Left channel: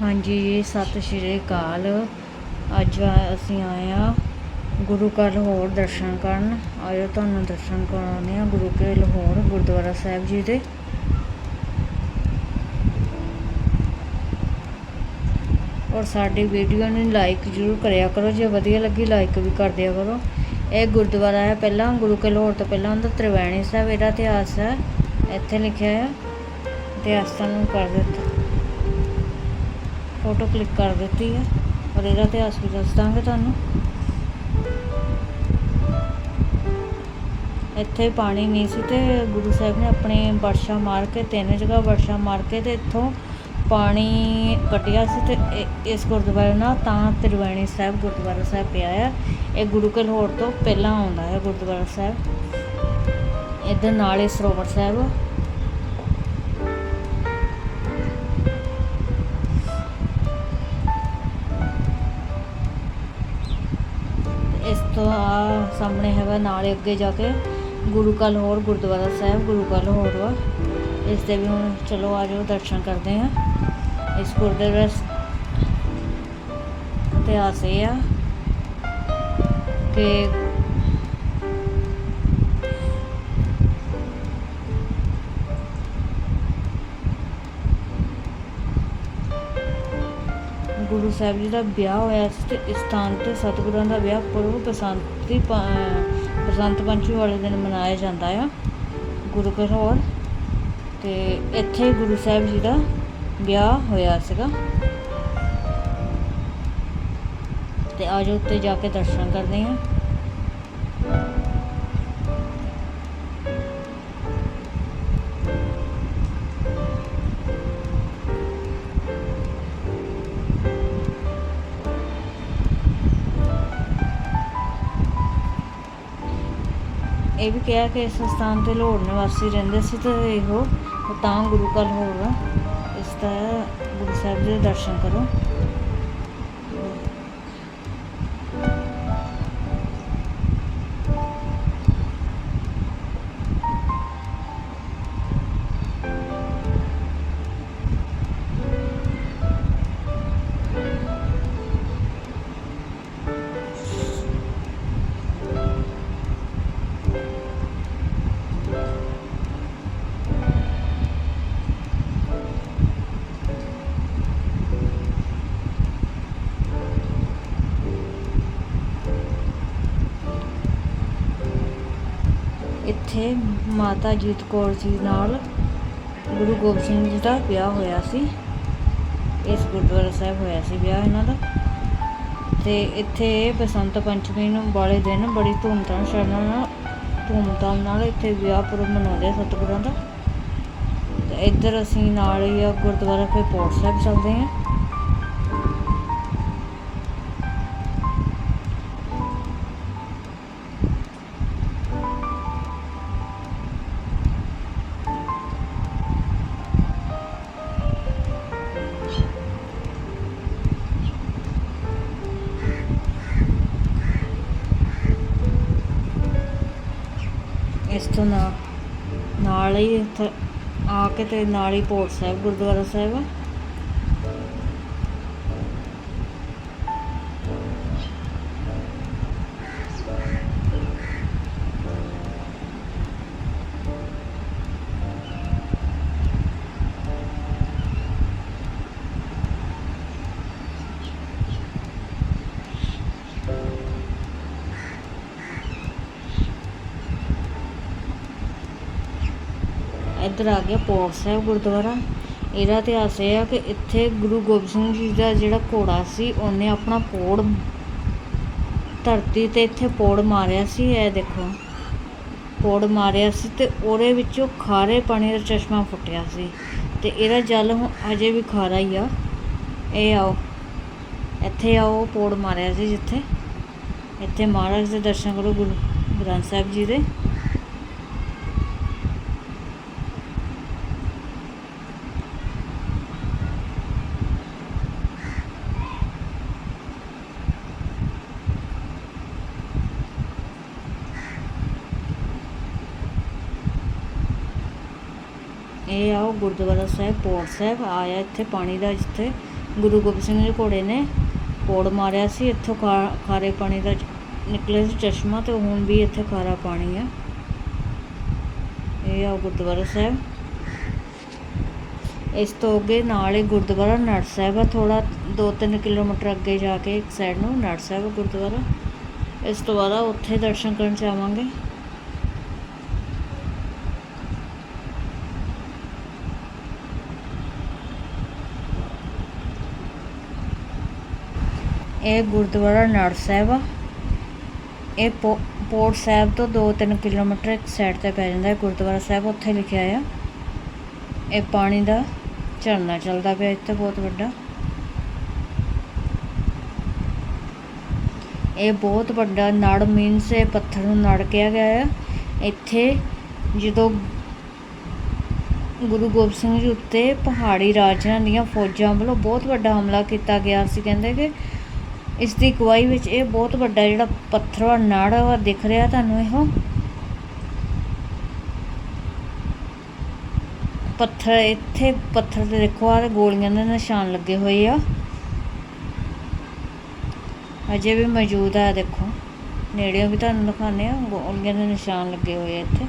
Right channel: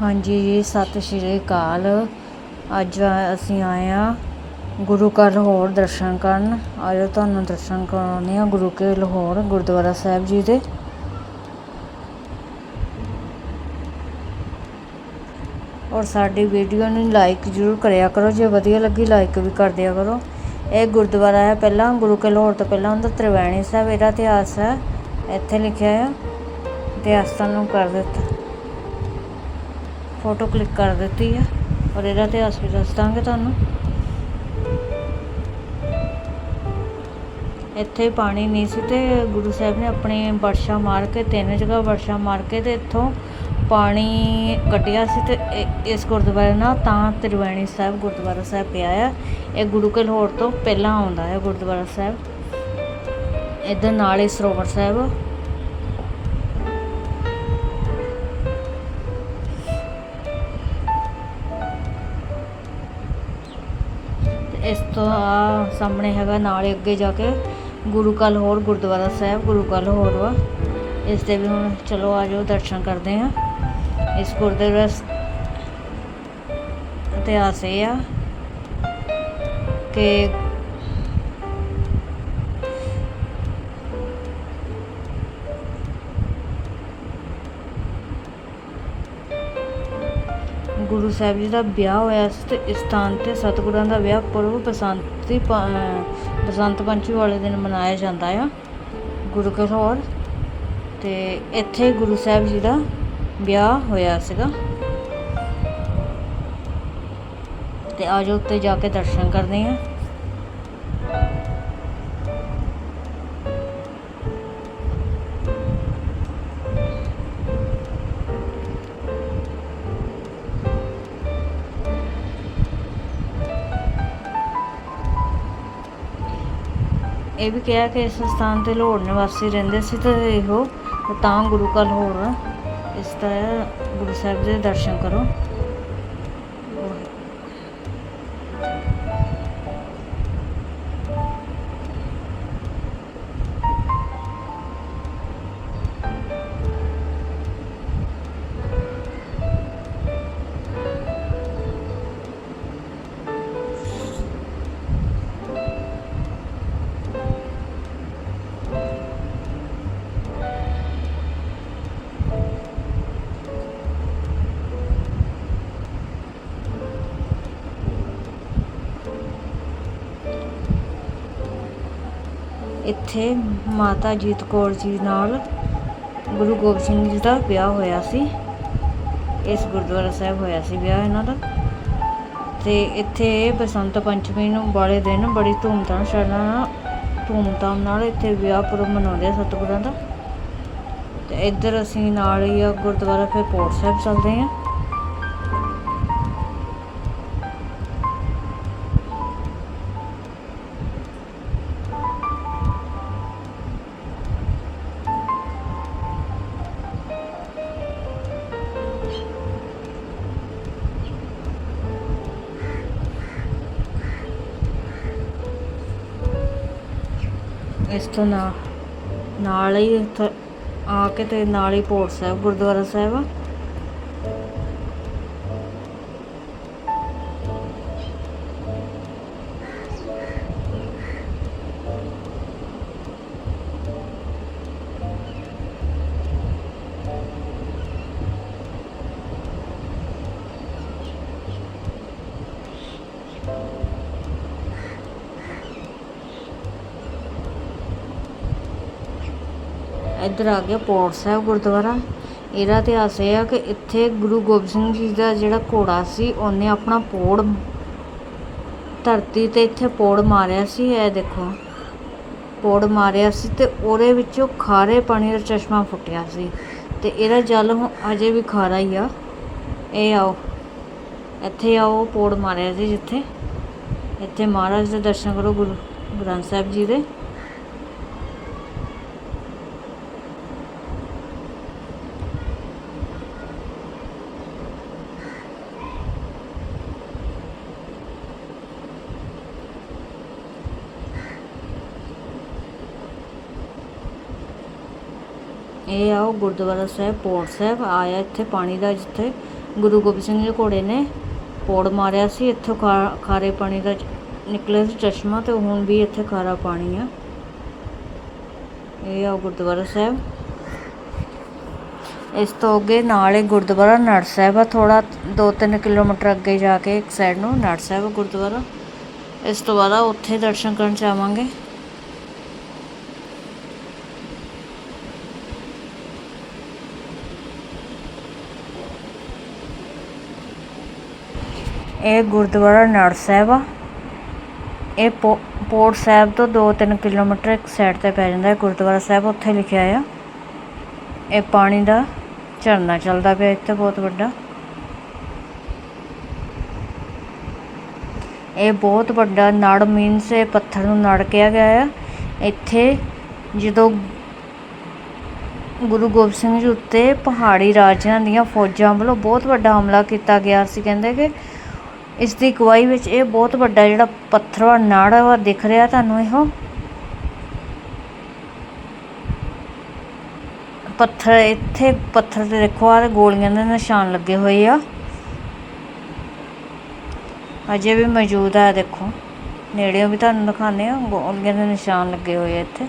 ਹਾਂਜੀ ਜੀ ਸਤਿ ਸ਼੍ਰੀ ਅਕਾਲ। ਅੱਜ ਅਸੀਂ ਆਏ ਆ ਗੁਰੂ ਘਰ ਲਾਹੌਰ ਦਰਸ਼ਨ ਕਰਨ। ਆਜੋ ਤੁਹਾਨੂੰ ਦਰਸ਼ਨ ਕਰਾਉਂਦੇ ਆ ਗੁਰੂ ਕੇ ਲਾਹੌਰ, ਗੁਰਦੁਆਰਾ ਸਾਹਿਬ ਜੀ ਦੇ। ਔਰ ਸਾਡੀ ਵੀਡੀਓ ਨੂੰ ਲਾਈਕ ਜ਼ਰੂਰ ਕਰਿਆ ਕਰੋ। ਜੇ ਵਧੀਆ ਲੱਗੀ, ਲਾਈਕ ਵੀ ਕਰ ਦਿਆ ਕਰੋ। ਇਹ ਗੁਰਦੁਆਰਾ ਹੈ, ਪਹਿਲਾਂ ਗੁਰੂ ਕੇ ਲਾਹੌਰ ਤੋਂ ਪਹਿਲਾਂ ਉਹਦਾ ਤ੍ਰਿਵੈਣੀ ਸਾਹਿਬ, ਇਹਦਾ ਇਤਿਹਾਸ ਹੈ। ਇੱਥੇ ਲਿਖਿਆ ਆ ਇਤਿਹਾਸ ਤੁਹਾਨੂੰ ਕਰ ਦਿੱਤਾ। ਫੋਟੋ ਕਲਿੱਕ ਕਰ ਦਿੱਤੀ ਹੈ, ਔਰ ਇਹਦਾ ਇਤਿਹਾਸ ਵੀ ਦੱਸ ਦਾਂਗੇ ਤੁਹਾਨੂੰ। ਇੱਥੇ ਪਾਣੀ ਨਹੀਂ ਸੀ ਤੇ ਗੁਰੂ ਸਾਹਿਬ ਨੇ ਆਪਣੇ ਵਰਸ਼ਾ ਮਾਰ ਕੇ, ਤਿੰਨ ਜਗ੍ਹਾ ਵਰਸ਼ਾ ਮਾਰ ਕੇ ਤੇ ਇੱਥੋਂ ਪਾਣੀ ਕੱਢਿਆ ਸੀ ਤੇ ਇ- ਇਸ ਗੁਰਦੁਆਰੇ ਨਾਲ ਤਾਂ ਤ੍ਰਿਵੇਣੀ ਸਾਹਿਬ ਗੁਰਦੁਆਰਾ ਸਾਹਿਬ ਪਿਆ ਆ। ਇਹ ਗੁਰੂ ਕੇ ਲਾਹੌਰ ਤੋਂ ਪਹਿਲਾਂ ਆਉਂਦਾ ਹੈ ਗੁਰਦੁਆਰਾ ਸਾਹਿਬ। ਇੱਧਰ ਨਾਲ ਹੀ ਸਰੋਵਰ ਸਾਹਿਬ। ਤੇ ਇਸ ਤੋਂ ਆ ਸਾਹਮਣੇ ਹੈਗਾ, ਨਾਲ ਹੀ ਅੱਗੇ ਜਾ ਕੇ ਗੁਰੂ ਕਾ ਲਾਹੌਰ ਗੁਰਦੁਆਰਾ ਸਾਹਿਬ, ਗੁਰੂ ਕਾ ਲਾਹੌਰ ਵਾ। ਇਸ ਦੇ ਵੀ ਹੁਣ ਚਲੋ ਆ ਜਾਓ, ਦਰਸ਼ਨ ਕਰਦੇ ਹਾਂ ਇਸ ਗੁਰਦੁਆਰਾ ਸ- ਇਤਿਹਾਸ ਇਹ ਆ ਕਿ ਗੁਰੂ ਸਾਹਿਬ ਜੀ ਦਾ ਵਿਆਹ ਹੋਇਆ ਸੀ ਤੇ ਇਸ ਸਥਾਨ ਤੇ ਸਤਿਗੁਰਾਂ ਦਾ ਵਿਆਹ ਪੁਰਬ ਬਸੰਤੀ ਪ- ਬਸੰਤ ਪੰਚਮੀ ਵਾਲੇ ਦਿਨ ਮਨਾਇਆ ਜਾਂਦਾ ਆ ਗੁਰੂ ਕੇ ਲਾਹੌਰ ਤੇ ਇੱਥੇ ਗੁਰੂ ਸਾਹਿਬ ਜੀ ਦਾ ਵਿਆਹ ਹੋਇਆ ਸੀਗਾ। ਤੇ ਆਜੋ ਉੱਤੇ ਜਾ ਕੇ ਦਰਸ਼ਨ ਕਰਦੇ ਹਾਂ। ਇਹ ਵੀ ਕਿਹਾ ਕਿ ਇਸ ਸਥਾਨ ਤੇ ਲਾਹੌਰ ਨਿਵਾਸੀ ਰਹਿੰਦੇ ਸੀ ਤੇ ਇਹੋ, ਤਾਂ ਗੁਰੂ ਕਾ ਲਾਹੌਰ ਗੁਰੂ ਸਾਹਿਬ ਦੇ ਦਰਸ਼ਨ ਕਰੋ। ਇੱਥੇ ਮਾਤਾ ਜੀਤ ਕੌਰ ਜੀ ਨਾਲ ਗੁਰੂ ਗੋਬਿੰਦ ਸਿੰਘ ਜੀ ਦਾ ਵਿਆਹ ਹੋਇਆ ਸੀ। ਇਸ ਗੁਰਦੁਆਰਾ ਸਾਹਿਬ ਹੋਇਆ ਸੀ ਵਿਆਹ ਇਹਨਾਂ ਦਾ। ਤੇ ਇੱਥੇ ਬਸੰਤ ਪੰਚਮੀ ਨੂੰ ਵਾਲੇ ਦਿਨ ਬੜੀ ਧੂਮਧਾਮ ਸ਼ਰਨਾ ਨਾਲ, ਧੂਮਧਾਮ ਨਾਲ ਇੱਥੇ ਵਿਆਹ ਪੁਰਬ ਮਨਾਉਂਦੇ ਆ ਸਤਿਗੁਰਾਂ ਦਾ। ਤੇ ਇੱਧਰ ਅਸੀਂ ਨਾਲ ਹੀ ਆ ਗੁਰਦੁਆਰਾ ਫਿਰ ਪੋਰਟ ਸਾਹਿਬ ਚੱਲਦੇ ਆ। ਇਸ ਤੋਂ ਨਾ ਨਾਲ ਹੀ ਇੱਥੇ ਆ ਕੇ ਅਤੇ ਨਾਲ ਹੀ ਪੋਰਟ ਸਾਹਿਬ, ਗੁਰਦੁਆਰਾ ਸਾਹਿਬ। ਆ ਇੱਧਰ ਆ ਗਿਆ ਪੌੜ ਸਾਹਿਬ ਗੁਰਦੁਆਰਾ। ਇਹਦਾ ਇਤਿਹਾਸ ਇਹ ਆ ਕਿ ਇੱਥੇ ਗੁਰੂ ਗੋਬਿੰਦ ਸਿੰਘ ਜੀ ਦਾ ਜਿਹੜਾ ਘੋੜਾ ਸੀ, ਉਹਨੇ ਆਪਣਾ ਪੌੜ ਧਰਤੀ ਤੇ ਇੱਥੇ ਪੌੜ ਮਾਰਿਆ ਸੀ, ਇਹ ਦੇਖੋ। ਪੌੜ ਮਾਰਿਆ ਸੀ ਤੇ ਉਹਦੇ ਵਿੱਚੋਂ ਖਾਰੇ ਪਾਣੀ ਦਾ ਚਸ਼ਮਾ ਫੁੱਟਿਆ ਸੀ। ਤੇ ਇਹਦਾ ਜਲ ਹੁਣ ਅਜੇ ਵੀ ਖਾਰਾ ਹੀ ਆ। ਇਹ ਆਓ। ਇੱਥੇ ਆਓ, ਪੌੜ ਮਾਰਿਆ ਸੀ ਜਿੱਥੇ। ਇੱਥੇ ਮਹਾਰਾਜ ਦੇ ਦਰਸ਼ਨ ਕਰੋ ਗੁਰੂ ਗ੍ਰੰਥ ਸਾਹਿਬ ਜੀ ਦੇ। ਇਹ ਆ, ਉਹ ਗੁਰਦੁਆਰਾ ਸਾਹਿਬ, ਪੋੜ ਸਾਹਿਬ, ਆਇਆ ਇੱਥੇ ਪਾਣੀ ਦਾ, ਜਿੱਥੇ ਗੁਰੂ ਗੋਬਿੰਦ ਸਿੰਘ ਜੀ ਘੋੜੇ ਨੇ ਪੋੜ ਮਾਰਿਆ ਸੀ, ਇੱਥੋਂ ਖਾ- ਖਾਰੇ ਪਾਣੀ ਦਾ ਨਿਕਲਿਆ ਸੀ ਚਸ਼ਮਾ ਤੇ ਹੁਣ ਵੀ ਇੱਥੇ ਖਾਰਾ ਪਾਣੀ ਆ। ਇਹ ਆ ਗੁਰਦੁਆਰਾ ਸਾਹਿਬ। ਇਸ ਤੋਂ ਅੱਗੇ ਨਾਲ ਹੀ ਗੁਰਦੁਆਰਾ ਨੜ ਸਾਹਿਬ ਆ ਥੋੜਾ 2-3 ਕਿਲੋਮੀਟਰ ਅੱਗੇ ਜਾ ਕੇ ਇੱਕ ਸਾਈਡ ਨੂੰ, ਨੜ ਸਾਹਿਬ ਗੁਰਦੁਆਰਾ। ਇਸ ਤੋਂ ਬਾਅਦ ਉੱਥੇ ਦਰਸ਼ਨ ਕਰਨ ਜਾਵਾਂਗੇ। ਇਹ ਗੁਰਦੁਆਰਾ ਨੜ ਸਾਹਿਬ ਆ। ਇਹ ਪੋ- ਪੋਰਟ ਸਾਹਿਬ ਤੋਂ 2-3 ਕਿਲੋਮੀਟਰ ਇੱਕ ਸਾਈਡ ਤੇ ਪੈ ਜਾਂਦਾ ਹੈ। ਗੁਰਦੁਆਰਾ ਸਾਹਿਬ ਉੱਥੇ ਲਿਖਿਆ ਆ। ਇਹ ਪਾਣੀ ਦਾ ਝਰਨਾ ਚੱਲਦਾ ਪਿਆ ਇੱਥੇ ਬਹੁਤ ਵੱਡਾ। ਇਹ ਬਹੁਤ ਵੱਡਾ ਨੜ ਮੀਨਸ ਇਹ ਪੱਥਰ ਨੂੰ ਨੜ ਕਿਹਾ ਗਿਆ ਆ। ਇੱਥੇ ਜਦੋਂ ਗੁਰੂ ਗੋਬਿੰਦ ਸਿੰਘ ਜੀ ਉੱਤੇ ਪਹਾੜੀ ਰਾਜਿਆਂ ਦੀਆਂ ਫੌਜਾਂ ਵੱਲੋਂ ਬਹੁਤ ਵੱਡਾ ਹਮਲਾ ਕੀਤਾ ਗਿਆ ਸੀ। ਕਹਿੰਦੇ ਕਿ ਇਸ ਦੀ ਗਵਾਹੀ ਵਿੱਚ ਇਹ ਬਹੁਤ ਵੱਡਾ ਜਿਹੜਾ ਪੱਥਰ ਵਾ ਨਾੜਾ ਵਾ ਦਿਖ ਰਿਹਾ ਤੁਹਾਨੂੰ ਇਹੋ। ਪੱਥਰ, ਇੱਥੇ ਪੱਥਰ ਤੇ ਦੇਖੋ ਆ ਗੋਲੀਆਂ ਦੇ ਨਿਸ਼ਾਨ ਲੱਗੇ ਹੋਏ ਆ। ਅਜੇ ਵੀ ਮੌਜੂਦ ਆ, ਦੇਖੋ। ਨੇੜਿਓਂ ਵੀ ਤੁਹਾਨੂੰ ਦਿਖਾਉਂਦੇ ਆ, ਗੋਲੀਆਂ ਦੇ ਨਿਸ਼ਾਨ ਲੱਗੇ ਹੋਏ ਆ ਇੱਥੇ।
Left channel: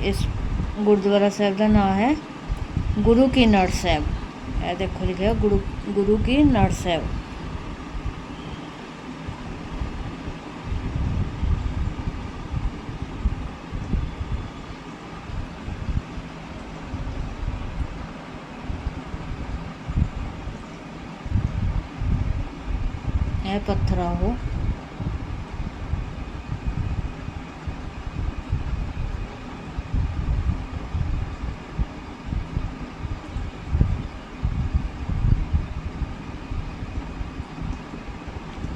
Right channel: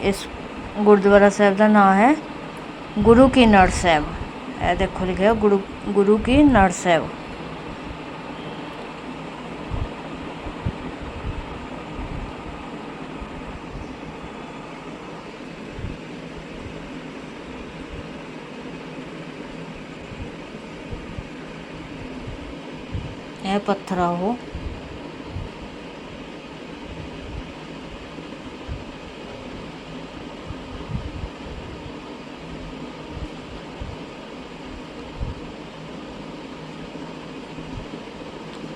ਇਸ ਗੁਰਦੁਆਰਾ ਸਾਹਿਬ ਦਾ ਨਾਮ ਹੈ ਗੁਰੂ ਕੀ ਨੜ ਸਾਹਿਬ ਇਹ ਦੇਖੋ ਲਿਖਿਆ ਗੁਰੂ ਗੁਰੂ ਕੀ ਨੜ ਸਾਹਿਬ ਇਹ ਪੱਥਰ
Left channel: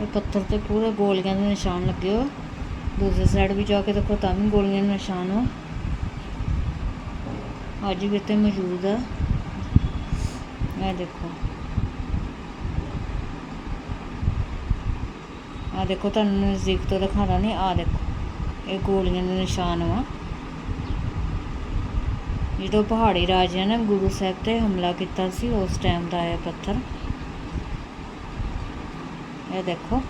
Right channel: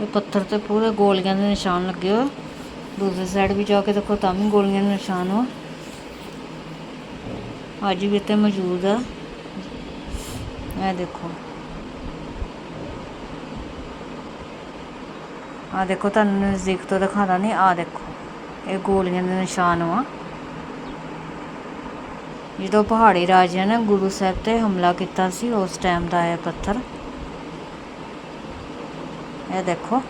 ਇਹ ਪੱਥਰ ਤੇ ਪੂਰੇ ਗੋਲੀਆਂ ਦੇ ਨਿਸ਼ਾਨ ਲੱਗੇ ਹੋਏ। ਦੂਸਰੀ ਸਾਈਡ ਵੀ ਜਾ ਕੇ ਦੇਖੋ, ਤਾਂ ਵੀ ਗੋਲੀਆਂ ਦੇ ਨਿਸ਼ਾਨ ਵਾ ਅੱਜ ਵੀ ਇੱਥੇ ਮੌਜੂਦ ਆ। ਇਹ ਦੇਖੋ। ਆ ਦੇਖੋ, ਤੁਹਾਨੂੰ ਨਜ਼ਦੀਕ ਤੋਂ ਦਿਖਾਦਾ ਨਹੀਂ ਆ ਦੇਖੋ। ਇਹ ਗੋਲੀਆਂ ਦੇ ਨਿਸ਼ਾਨ ਵਾ ਜਦੋਂ ਪਹਾੜੀ ਰਾਜਿਆਂ ਨੇ ਗੁਰੂ ਸਾਹਿਬ ਤੇ ਹਮਲਾ ਕੀਤਾ ਸੀ, ਉਸ ਟਾਈਮ ਦਾ ਇਹ ਪੱਥਰ। ਇਹ ਦੇਖੋ।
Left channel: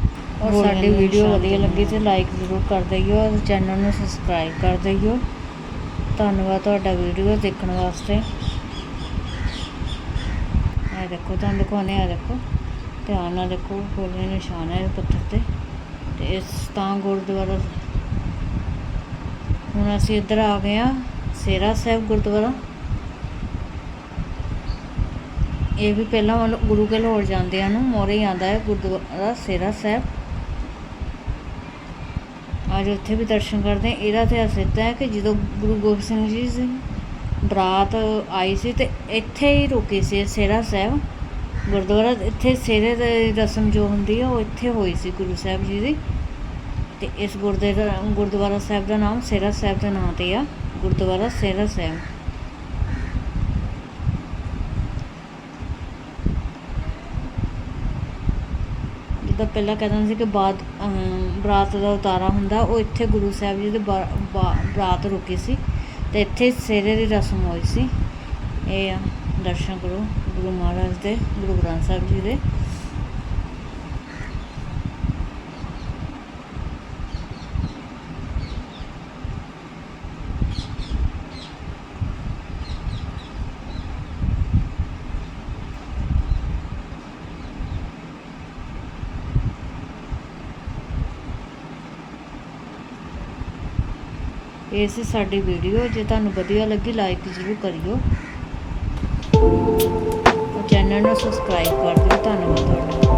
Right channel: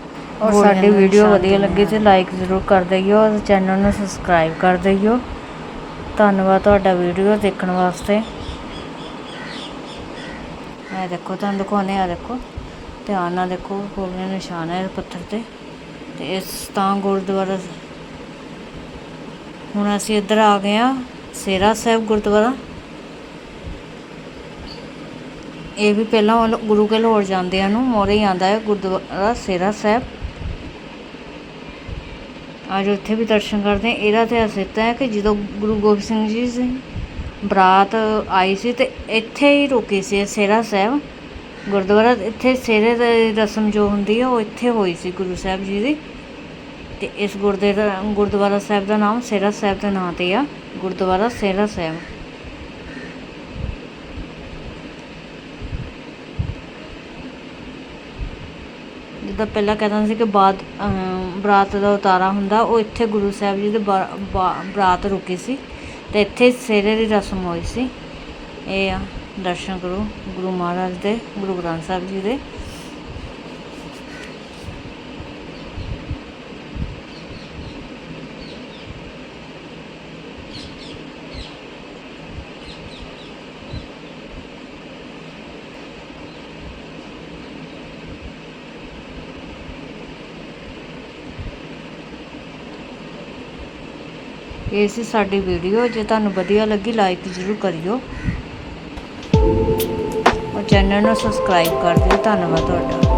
ਔਰ ਸਾਡੀ ਵੀਡੀਓ ਵਧੀਆ ਲੱਗੀ ਤੇ। ਲਾਈਕ ਜ਼ਰੂਰ ਕਰ ਦਈਓ ਔਰ ਚੈਨਲ ਨੂੰ ਸਬਸਕ੍ਰਾਈਬ ਕਰ ਦਈਓ ਧੰਨਵਾਦ ਤੁਹਾਡਾ ਵੀਡੀਓ ਦੇਖਣ ਵਾਸਤੇ। ਇਹ ਦੇਖੋ ਤੁਹਾਨੂੰ ਦਿਖਾਉਂਦੇ ਆ ਦੇਖੋ। ਧਿਆਨ ਨਾਲ ਦੇਖੋ ਗੋਲੀਆਂ ਨਿਸ਼ਾਨ ਹੈ ਪੱਥਰ ਤੇ। ਤੇ ਇਸ ਤਾਂ ਗੁਰਦੁਆਰਾ ਹੁਣ ਅਸੀਂ ਇੱਧਰ ਆ ਗਏ ਆ ਸੇਰਾ ਸਾਹਿਬ ਗੁਰਦੁਆਰਾ। ਇਹ ਵੀ ਪਹਿਲਾਂ ਵੱਲ ਗੁਰੂ ਕੇ ਲਾਹੌਰ ਜਾਂਦਿਆਂ ਨੂੰ ਮੋਰੇ ਆਂਦਾ ਹੈ, ਗੁਰਦੁਆਰਾ ਸੇਰਾ ਸਾਹਿਬ। ਅੱਜ ਉੱਥੇ ਵੀ ਦਰਸ਼ਨ ਕਰਦੇ ਇਹਦਾ ਇਤਿਹਾਸ ਇੱਦਾਂ ਹੈ ਕਿ ਜਦੋਂ ਗੁਰੂ ਗੋਬਿੰਦ ਸਿੰਘ ਜੀ ਸੀ ਬਰਾਤ ਆਈ ਸੀ ਤੇ ਇੱਥੇ ਹੀ ਰੁਕੀ ਸੀ ਇਹ ਸੇਰਾ ਸਾਹਿਬ। ਗੁਰਦੁਆਰਾ ਇੱਥੇ ਸੇਰੇ ਦੀ ਰਸਮ ਜੋ ਹੁੰਦੀ ਹੈ, ਉਹ ਇੱਥੇ ਹੋਈ ਸੀ ਗੁਰੂ ਸਾਹਿਬ ਜੀ ਦੀ। ਤੇ ਇਸ ਗੁਰਦੇ ਗੁਰਦੁਆਰਾ ਸਾਹਿਬ ਦਾ ਨਾਮ ਸੇਰਾ ਸਾਹਿਬ ਦੇ ਨਾਂ ਤੇ ਆ। ਗੁਰਦੁਆਰਾ ਸੇਰਾ ਸਾਹਿਬ। ਜਿੱਦਾਂ ਪਹਿਲਾਂ ਕਹਿੰਦਾ ਸੀ ਕਿ ਬਾਤ ਬਰਾਤ ਦਾ ਉਤਾਰਾ ਹੁੰਦਾ, ਉਹ ਇੱਥੇ ਗੁਰੂ ਸਾਹਿਬ ਜੀ ਦੇ ਬਾ- ਬਾ- ਬਰਾਤ ਰੁਕੀ ਸੀ ਤੇ ਇੱਥੇ ਸੇਰੇ ਦੀ ਰਸਮ ਹੋਈ ਸੀ। ਇਹ ਆ, ਦਰਸ਼ਨ ਕਰੋ, ਗੁਰੂ ਮਹਾਰਾਜ ਦੇ, ਗੁਰੂ ਗ੍ਰੰਥ ਸਾਹਿਬ ਜੀ ਦੇ। ਇਹ ਸੀ ਸਾਡੀ ਵੀਡੀਓ, ਜੇ ਤੁਹਾਨੂੰ ਵਧੀਆ ਲੱਗੀ ਲਾਈਕ ਜ਼ਰੂਰ ਕਰਿਓ। ਔਰ ਚੈਨਲ ਨੂੰ ਸਬਸਕ੍ਰਾਈਬ ਕਰ ਦਿਓ। ਧੰਨਵਾਦ ਤੁਹਾਡਾ।